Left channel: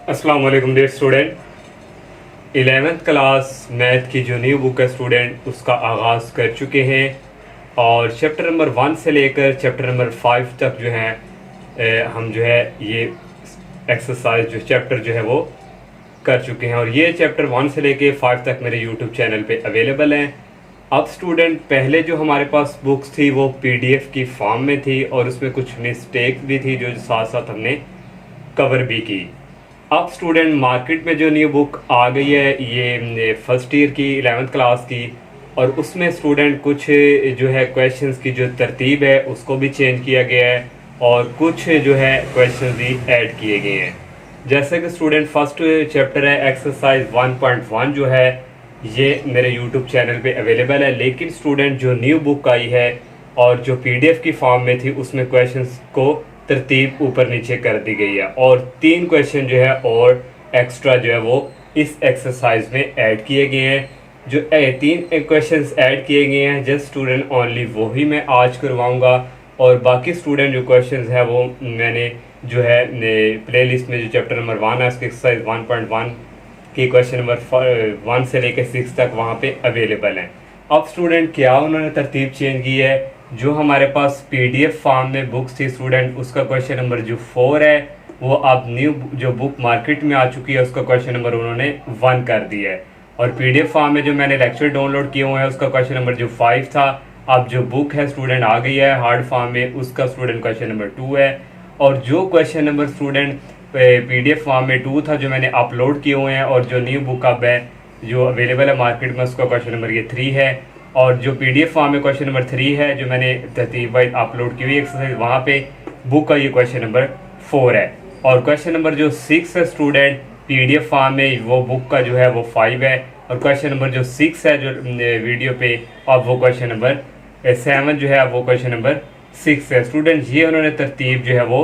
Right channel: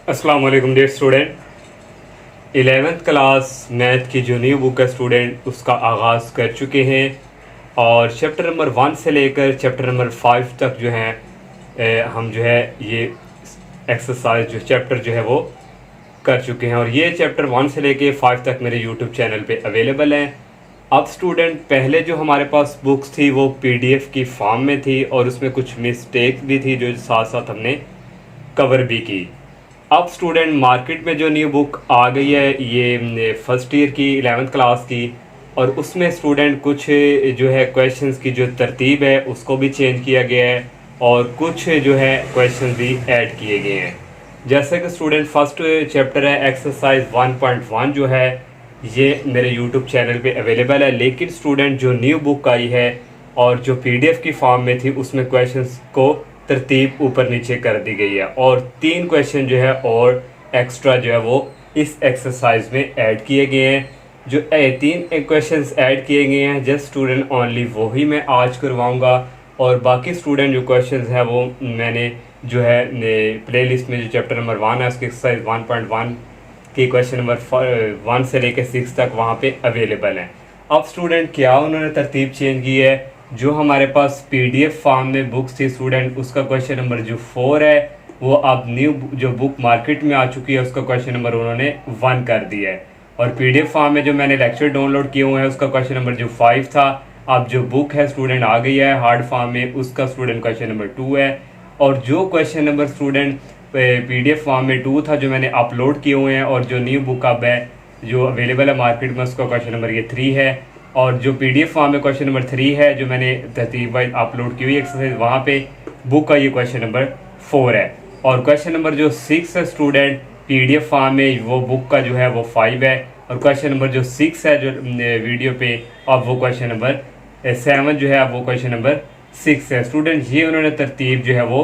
अस्सलाम वालेकुम dear student. 11th class math की जो न्यू बुक है स्टूडेंट उसका आगाज़ कर चुके हैं और चैप्टर नंबर 1 से लेकर चैप्टर नंबर 5 तक जो है हम जो है ये एक्सरसाइज जो चैप्टर जो है वो कर चुके हैं और ये चैप्टर 1 से लेकर 5 तक मेरे यूट्यूब चैनल पे अवेलेबल हैं। अब स्टूडेंट पहले जो हमारे पास बुक्स थी वो पीडीएफ की फॉर्म में थी और उसमें कुछ मिस्टेक भी थी जो साथ साथ हमने कवर भी की। अब स्टूडेंट मार्केट में जो न्यू बुक आ गई है ये फर्स्ट ईयर की 11th क्लास की और उसमें स्टूडेंट कुछ जो है क्वेश्चंस की जो तरतीब है उसको भी चेंज किया गया है और कुछ जो है क्वेश्चंस भी ऐड किए गए हैं। जैसे कि स्टूडेंट फर्स्ट चैप्टर है एक्सरसाइज 1.1 जो है ये मेरे यूट्यूब चैनल पे अवेलेबल है, लेकिन स्टूडेंट जो न्यू बुक आई है और जो पीडीएफ की फॉर्म में थी उसमें क्वेश्चंस को तरतीब ऊपर नीचे कर दी गई है और 3 क्वेश्चन जो है और एक्स्ट्रा जो है वो इस एक्सरसाइज में ऐड किए गए हैं। जो 3 क्वेश्चंस ऐड किए गए हैं जस्ट स्टूडेंट ओनली वही मैं आज करवाऊंगा और बाकी स्टूडेंट जो क्वेश्चंस है वो मैंने जो है प्लेलिस्ट में जो चैप्टर नंबर 1 है उसकी एक्सरसाइज 1.1 की क्वेश्चन नंबर 1 से लेकर 6 तक वहाँ पे अवेलेबल हैं। अब स्टूडेंट क्या उन्होंने तरतीब चेंज की है, जो हमारे पास पीडीएफ फॉर्म में बुक्स थी स्टूडेंट उसका क्वेश्चन नंबर जो 4 है वो अब न्यू जो बुक मार्केट में आ चुकी है उसका क्वेश्चन नंबर उन्होंने 1 कर दिया है और पीडीएफ फॉर्म में जो मैंने लेक्चर डाउनलोड किए हुए हैं उसका क्वेश्चन नंबर जो 5 था अब जो बुक है स्टूडेंट आ गई है हार्ड फॉर्म में उसका स्टूडेंट क्वेश्चन नंबर 2 है और जो question number student PDF form में 2 था जो मैंने अपलोड किए हुए हैं और जो न्यू बुक अब है जो अवेलेबल है मार्केट में उसका क्वेश्चन नंबर ये 3 है और जो पीडीएफ फॉर्म में क्वेश्चन नंबर 3 है जो मैंने तरतीब वाइज अपलोड की हुई एक्सरसाइज वहाँ पे बुक का ये क्वेश्चन नंबर 4 है और क्वेश्चन नंबर जो 6 है स्टूडेंट पीडीएफ फॉर्म में वो बुक का जो है वो 5 है और क्वेश्चन नंबर जो 6 है जो वीडियो पे अब वो क्वेश्चन नंबर 7 जो है अब वो क्वेश्चन नंबर 6 है। स्टूडेंट ये उन्होंने तरतीब जो है वो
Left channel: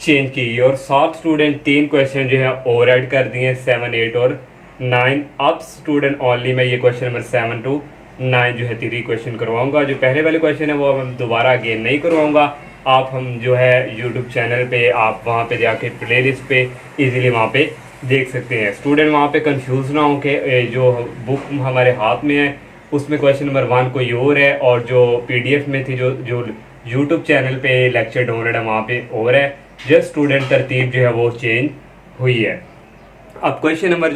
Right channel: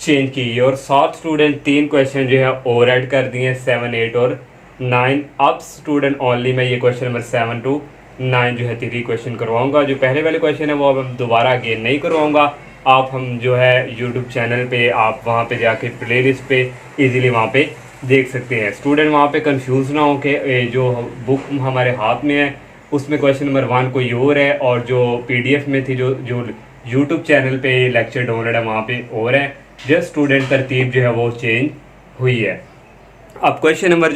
चेंज की है और 7 स्टूडेंट 3 क्वेश्चन जो है और ऐड कर दिए 7, 8 और 9। अब स्टूडेंट ओनली मैं ये क्वेश्चन नंबर 7 to 9 जो है 3 क्वेश्चन करवाऊंगा। जो पहले वाले क्वेश्चन है वो अब दोबारा अगेन नहीं करवाऊंगा। आप हम जो है यूट्यूब चैनल पे आप वहाँ पे जाके प्लेलिस्ट पे इजीली वहाँ पे देख सकते हैं। स्टूडेंट वहाँ पे कंफ्यूज ना हो के जो बुक हमारे हाथ में है उसमें क्वेश्चन नंबर 1 कोई और है और जो पीडीएफ में थी जो यूट्यूब चैनल पे लेक्चर डाउनलोड है वहाँ पे और है। जस्ट स्टूडेंट तरतीब जो है वो चेंज हुई है। अब क्वेश्चन नंबर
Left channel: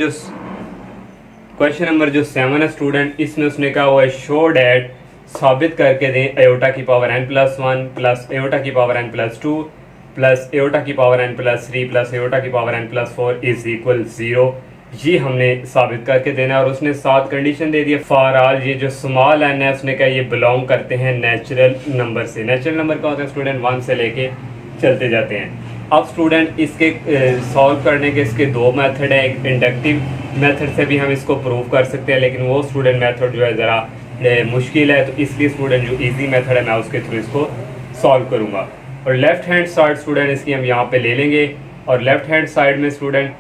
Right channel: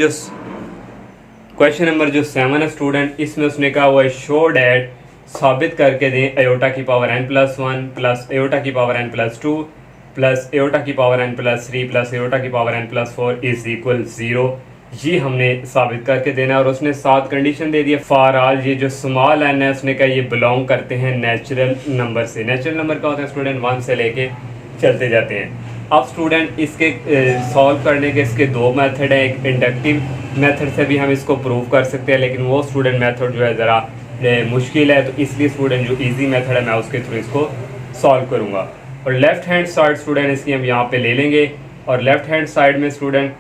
जो 7 है स्टूडेंट इसमें उसने कहा हुआ है शो डैट साबित करके दें अयोटा की पावर n+1 प्लस अयोटा की पावर n+2 प्लस अयोटा की पावर n+3 प्लस अयोटा की पावर n+4 इज इक्वल 0। ये हमने साबित करके देना और उसने 7 कंडीशन दे दिया। फॉर ऑल ये जो स्मॉल n है उसने कहा ये बिलोंग करते हैं नेचुरल नंबर से। नेचुरल नंबर का होता है स्टूडेंट 1 से लेके चलते जाते हैं। अब स्टूडेंट इसके सॉल्व करने के इसके 2 मेथड है। एक इंडक्टिव मेथड से भी हम इसको प्रूव कर सकते हैं लेकिन वो स्टूडेंट मेथड जो है ज़रा मुश्किल है तो इसलिए स्टूडेंट जो इजी मेथड है मैं उसके थ्रू इसको सॉल्व करूँगा। और लेफ्ट हैंड साइड स्टूडेंट इसकी हम यहाँ पे ले लेंगे और लेफ्ट हैंड साइड में स्टूडेंट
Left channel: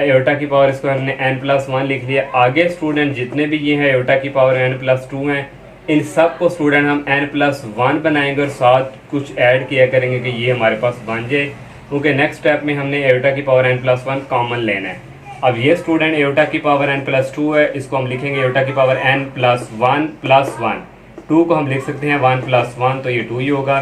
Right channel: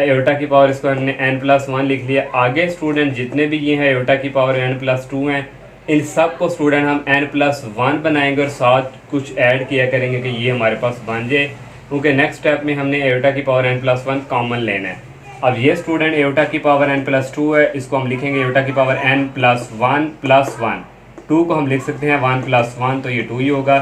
अयोटा की पावर इसको हमने n+1 लिख लिया। आगे स्टूडेंट जितने भी ये हैं अयोटा की पावर n+2 हैं इन सब को स्टूडेंट हम n+1 बनाएंगे और साथ कुछ ऐड किया करेंगे कि ये हमारे पास बन जाए, क्योंकि नेक्स्ट स्टेप में हमने अयोटा की पावर n+1 कॉमन लेना है। अब ये स्टूडेंट अयोटा की पावर n+2 है इसको हम लिखेंगे अयोटा की पावर n+1 + 1। 2 को हम लिख सकते हैं 1+1 तो ये 2 ही होगा।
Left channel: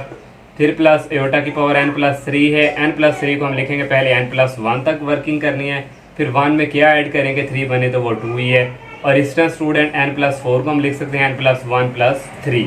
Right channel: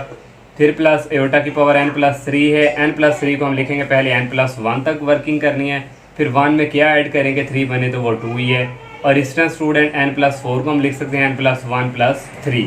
फिर प्लस अयोटा की पावर n+3 है। n+3 को हम लिखेंगे पहले n+1 तक वर्किंग करनी है फिर 1 में क्या ऐड करेंगे 3 बने तो वो 2 ही है। और इस तरह स्टूडेंट n+4 को हम लिख सकते हैं n+1 + 3।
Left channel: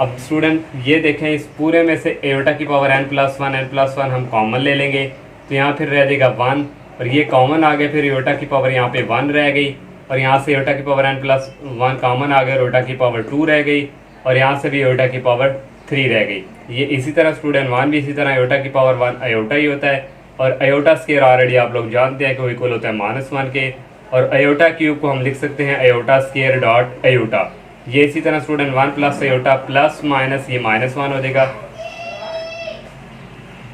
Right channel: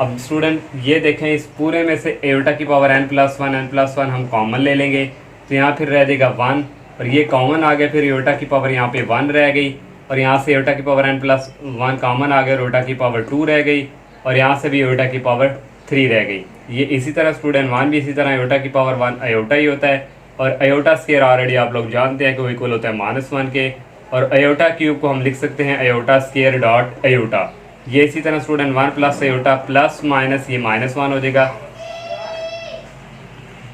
अब स्टूडेंट ये देखें इस पूरे में से अयोटा की पावर n+1 हम कॉमन ले लेंगे तो यहाँ फिर रह जाएगा 1 और ये कॉमन आ गया। फिर अयोटा की पावर यहाँ पे 1 रह गई और यहाँ से अयोटा की पावर n+1 कॉमन आ गया और अयोटा की पावर 2 रह गई और यहाँ से भी अयोटा की पावर 3 रह गई। ये इसी तरह स्टूडेंट 1 भी इसी तरह अयोटा की पावर 1 अयोटा ही होता है और अयोटा स्क्वायर ऑलरेडी आप लोग जानते हैं कि वो इक्वल होता है -1 के और अयोटा क्यूब को हम लिख सकते हैं अयोटा स्क्वायर डॉट अयोटा। ये इसी तरह student 1 plus iota plus minus ये -1 हो जाएगा।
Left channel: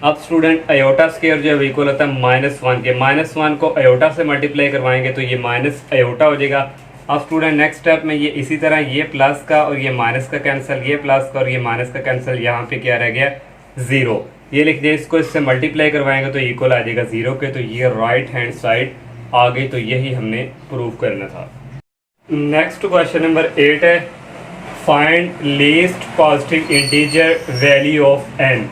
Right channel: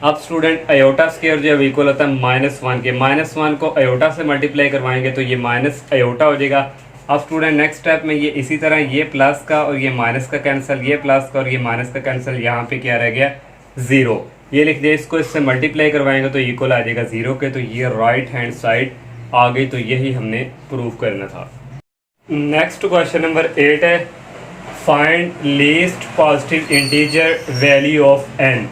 अब स्टूडेंट अयोटा स्क्वायर जो है इक्वल होता है -1 के। -1 को अयोटा से मल्टीप्लाई करवाएंगे तो ये माइनस अयोटा हो जाएगा। अब स्टूडेंट नेक्स्ट स्टेप में ये इसी तरह ये प्लस का और ये माइनस का कैंसिल, ये प्लस का और ये माइनस का कैंसिल, यहाँ पे क्या रह गया 0। ये लिख दिया, इसको इससे मल्टीप्लाई करवाएंगे तो इक्वल आ जाएगा 0 के। तो ये राइट हैंड साइड आ गई। तो यही हमने प्रूव करना था। नेक्स्ट क्वेश्चन नंबर 8 है, find least positive integer value of n।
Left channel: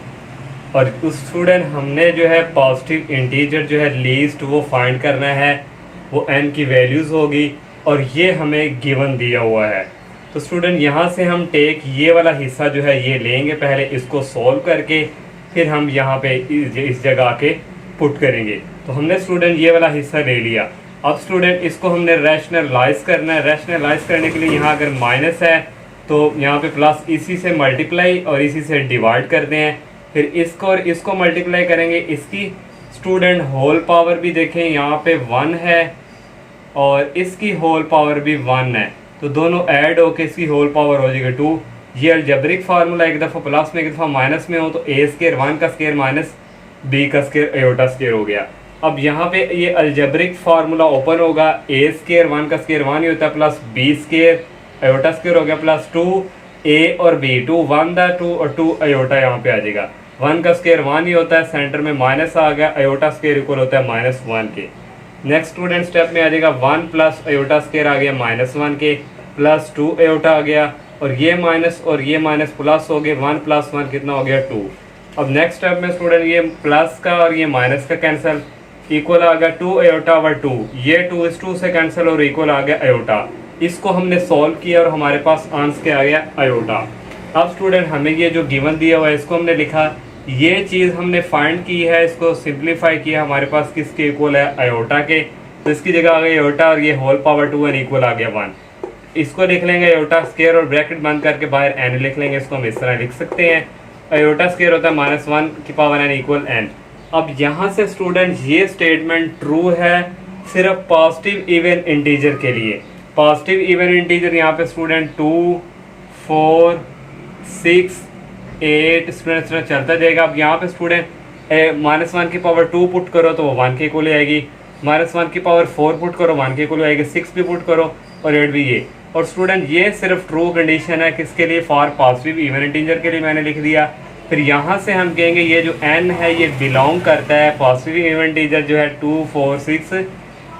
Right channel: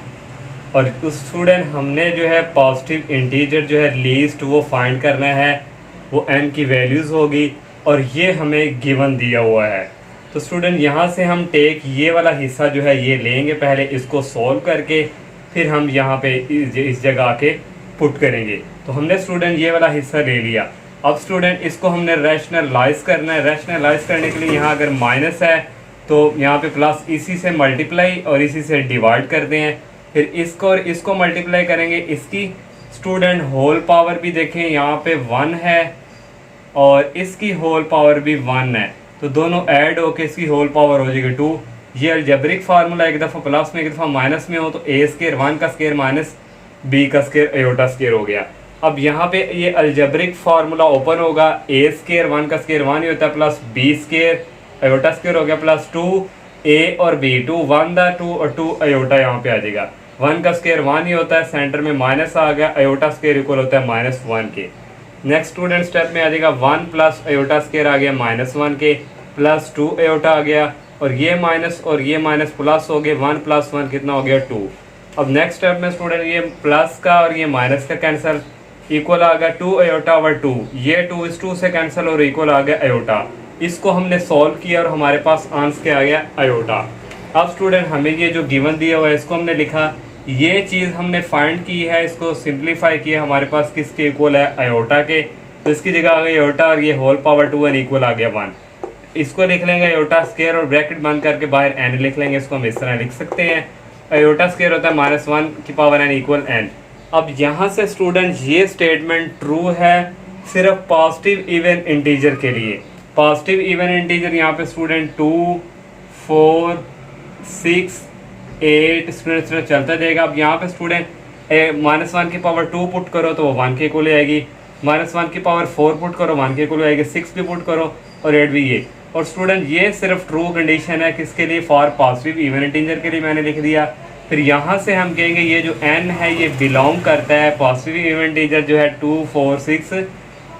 और उस स्टूडेंट हमने जो है पॉजिटिव इंटीजर जो है लीस्ट वो फाइंड करना है, वो n की वैल्यूज़ होगी और ये हमें गिवन दिया हुआ है। तो स्टूडेंट यहाँ से हम टेक ये वाला हिस्सा जो है ये लेंगे, पहले इसको सॉल्व करके फिर हम यहाँ पे इस जगह आके पुट करेंगे। तो हमने स्टूडेंट ये वाला हिस्सा ले लिया। अब स्टूडेंट इसको हमने रैशनलाइज करना है। रैशनलाइज करने के लिए यहाँ अगर माइनस है तो यहाँ पे प्लस, इसी से मल्टीप्लाई और इसी से डिवाइड करते हैं, फिर इसको और इसको मल्टीप्लाई करेंगे। इसकी स्टूडेंट होल पावर भी देखें यहाँ पे 1 है और इसकी होल पावर भी 1 है, तो दोनों ऐड होके इसकी होल पावर हो जाएगी 2। ये अलजेब्रिक फार्मूला एक दफ़ा प्लस में एक दफ़ा माइनस में हो तो a स्क्वायर 1 का स्क्वायर माइनस b का स्क्वायर आयोटा स्क्वायर हो गया। अब यहाँ पे ये अलजेब्रिक फार्मूला ओपन होगा, a स्क्वायर 1 का स्क्वायर 1 ही होता है plus b square iota square हो गया प्लस 2a और b, 2 1 दा 2 और 2 आयोटा यहाँ पे आ जाएगा। 1 का स्क्वायर 1 ही होता है, सेंटर में माइनस आ गया, आयोटा स्क्वायर इक्वल होता है -1 के। नेक्स्ट स्टूडेंट स्टेप में आ जाएगा 1 प्लस आयोटा स्क्वायर आ गया -1 के, प्लस 2 आयोटा आ गया और ये माइनस प्लस हो गए, 1 प्लस 1 कितना हो गया 2। अब नेक्स्ट स्टेप में स्टूडेंट ये प्लस का और ये माइनस का कैंसिल, इक्वल आ गया 2 आयोटा ओवर 2, ये 2 इस 2 से कैंसिल और इक्वल आ गया आयोटा। इसको हमने सॉल्व किया और हमारे पास आंसर क्या आ गया आयोटा। अब स्टूडेंट हमें ये जो गिवन दिया हुआ है इसको हमने लिखा, ये चीज़ हमने फाइंड की है, इसको सिंप्लीफाई किया, हमारे पास किसके इक्वल है आयोटा के। तो इसकी जगह आ गई आयोटा और ये होल पावर 2 एन इक्वल आ गया 1। इसको लिख लेंगे आयोटा स्क्वायर और ब्रैकेट बंद करके बाहर n लिख लेंगे। इसको हम इस तरह लिख सकते हैं, आयोटा स्क्वायर होता है -1 की पावर n इक्वल n। अब यहाँ से स्टूडेंट ये स्टेटमेंट ट्रू है सिर्फ पॉजिटिव इवन इंटीजर के लिए। पॉजिटिव इवन इंटीजर यहाँ पे स्टूडेंट 2 4 6 8 स्टूडेंट चलता जाएगा। अब यहाँ पे स्टूडेंट -1 की पावर 2 पुट करो तो वो 1 के इक्वल आएगी, -1 की पावर 4 पुट करो 1 के इक्वल आएगी, 6 भी पुट करो और 8 भी ये। और स्टूडेंट ये सिर्फ ट्रू कंडीशन है किसके लिए, फॉर पॉजिटिव इवन इंटीजर के लिए मैंने लिख दिया। फिर यहाँ से हम कहेंगे ये जो n है ये बिलोंग करता है पॉजिटिव इवन इंटीजर जो है 2 4 6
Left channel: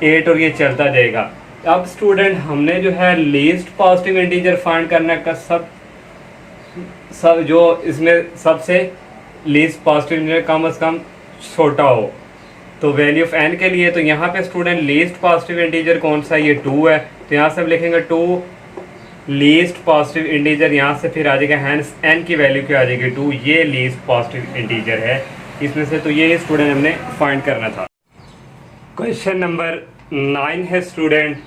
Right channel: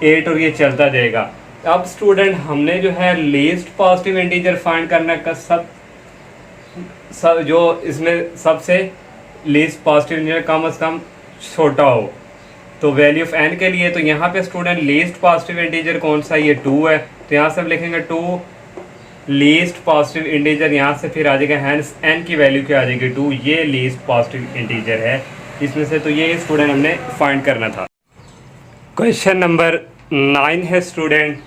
8 और ये चलता जाएगा। अब स्टूडेंट हमने जो है लीस्ट पॉजिटिव इंटीजर फाइंड करना का सब जो इसमें सबसे लीस्ट पॉजिटिव इंटीजर कम से कम छोटा हो, तो वैल्यू ऑफ n के लिए। तो यहाँ पे स्टूडेंट लीस्ट पॉजिटिव इंटीजर कौन सा, ये 2 है, तो यहाँ से हम लिखेंगे 2 लीस्ट पॉजिटिव इंटीजर, यहाँ से फिर आ जाएगा हैंस n की वैल्यू क्या आ जाएगी 2, ये लीस्ट पॉजिटिव इंटीजर है इसमें से। तो ये स्टूडेंट हमने फाइंड करना था। क्वेश्चन नंबर 9 है student,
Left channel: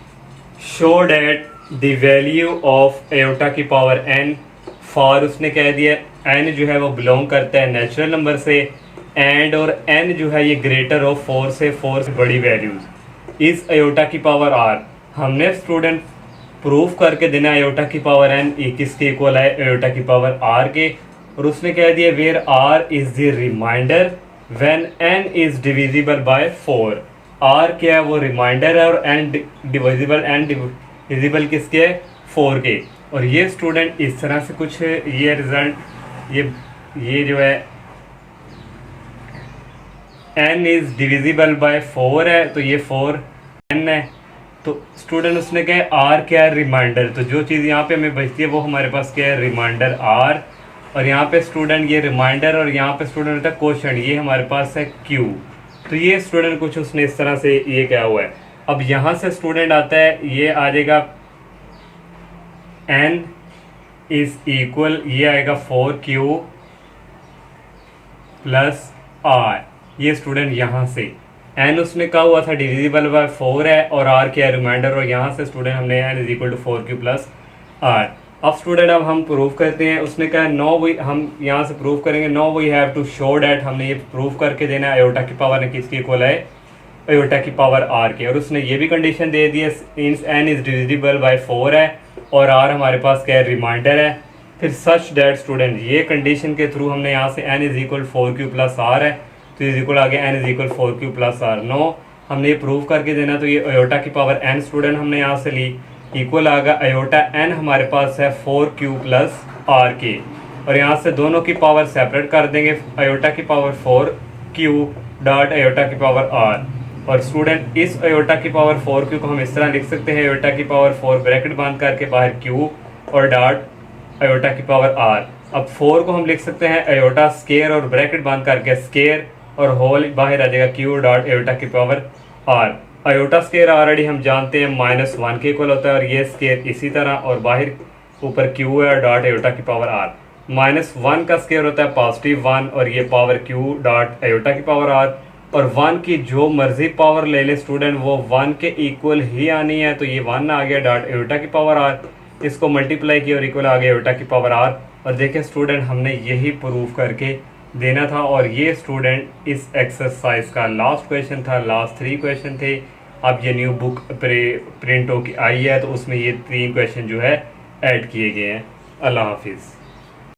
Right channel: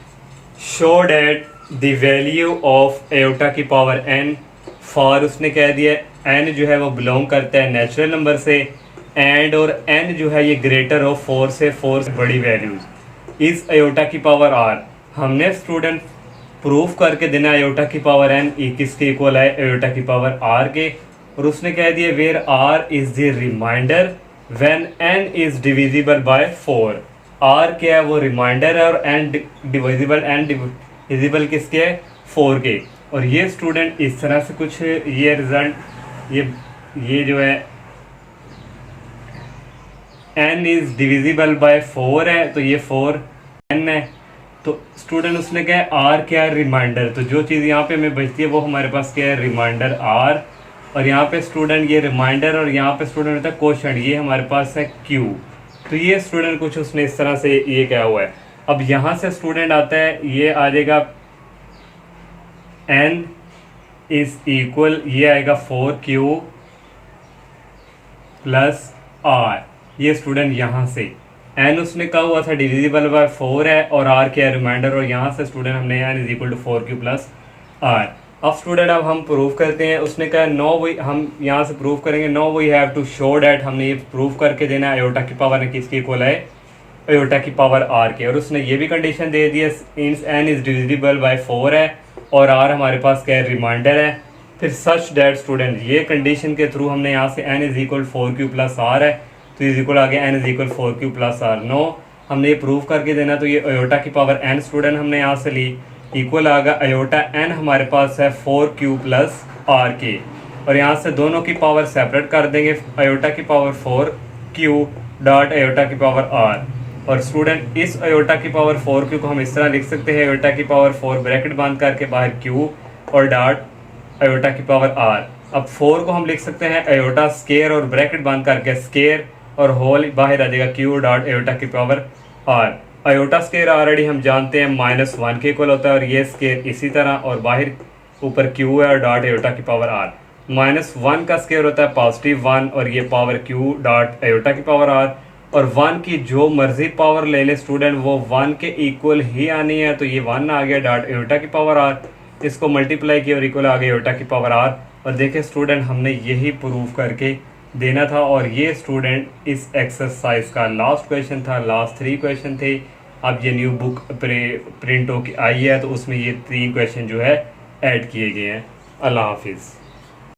show that the value of iota की पावर n फॉर, उसने कह दिया n जो है वो बिलोंग करता है नेचुरल नंबर से, एंड और n जो है ये ग्रेटर ऑफ 4 से बड़ी वैल्यूज इस आयोटा की पावर r। हमने स्टूडेंट प्रूफ करके देना आयोटा की पावर n किसके इक्वल है, आयोटा की पावर r के। और उसने कह दिया where r is the remainder when n is divisible by 4। r क्या है, वो रिमाइंडर है और n डिविजिबल किसके है, 4 के। और ये स्टूडेंट इस तरह से कुछ ये रिजल्ट ये जो है n इज डिविजिबल बाय 4 है, तो ये 4 n है। तो स्टूडेंट उसने कहा r क्या है, रिमाइंडर। तो जो चीज़ यहाँ पे हमें बचती है वो हमारे पास क्या है, रिमाइंडर r। और यहाँ पे स्टूडेंट ये रिमाइंडर और यहाँ पे स्टूडेंट होता है क्वोशंट, ये हमारे पास है q। तो ये स्टूडेंट कुछ उसने इस तरह से ये क्या हुआ है। अब यहाँ से स्टूडेंट आता है, ये आ जाएगा n इज इक्वल, ये आएगा 4q प्लस r। ये स्टूडेंट यहाँ से n उसने कहा हुआ था डिविजिबल बाय 4 है और r क्या है, रिमाइंडर। और यहाँ से स्टूडेंट हमने n is equal to 4q plus r। अब स्टूडेंट अब हम प्रूव करते हैं। उसने कहा नो वी, हम यहाँ से प्रूव करेंगे, now we have to show that, हमने ये प्रूव करके देना है आयोटा की पावर किसकी इक्वल है, आयोटा की पावर r के। और उसने ये भी कंडीशन दे दी है n इज डिविजिबल बाय 4 है और r हमारे पास क्या है, रिमाइंडर है। फिर सच डैट स्टूडेंट ये कंडीशन के थ्रू हमने यहाँ से n is equal 4q plus r है, तो इज इक्वल आ गया n is equal 4q plus r। Now हमने ये प्रूव करके देना, तो ये आयोटा की पावर n स्टूडेंट हमने यहाँ से ली, इक्वल आ गया आयोटा n हमारे पास है 4q प्लस r के। और यहाँ से दोनों की पावर सेपरेट कर देंगे, आयोटा की पावर 4 क्यू डॉट आयोटा की पावर आर। और स्टूडेंट इस आयोटा की पावर 4 क्यू को हम इस तरह लिख सकते हैं, आयोटा की पावर 4 ब्रैकेट बंद करके बाहर क्यू और डॉट आयोटा की पावर आर। अब 4 को हम लिख सकते हैं आयोटा स्केयर और ब्रैकेट बंद करके स्केयर और होल बाहर आ जाएगा क्यू डॉट आयोटा की power R. Iota square already हम जानते हैं -1 के इक्वल होता है, और ये स्केयर इसी तरह, और बाहर ऊपर क्यू है और डॉट आयोटा की पावर आर। -1 का स्केयर होता है +1 और ये पावर क्यू डॉट आयोटा की पावर आर। और 1 की जो मर्जी पावर ले ले स्टूडेंट, वो 1 के इक्वल ही आनी है, तो ये 1 आ गया डॉट आयोटा की पावर आर, इसको मल्टीप्लाई किया और इक्वल आ गया आयोटा की पावर आर। और देखें स्टूडेंट, हमने यही प्रूव करके देना था, और ये स्टूडेंट इस एक्सरसाइज का लास्ट क्वेश्चन था, लास्ट 3 क्वेश्चन थे। अब ये न्यू बुक प्रिंट हो आई है, तो उसमें ये 3 क्वेश्चन जो है ऐड किए गए हैं। अल्लाह हाफिज़।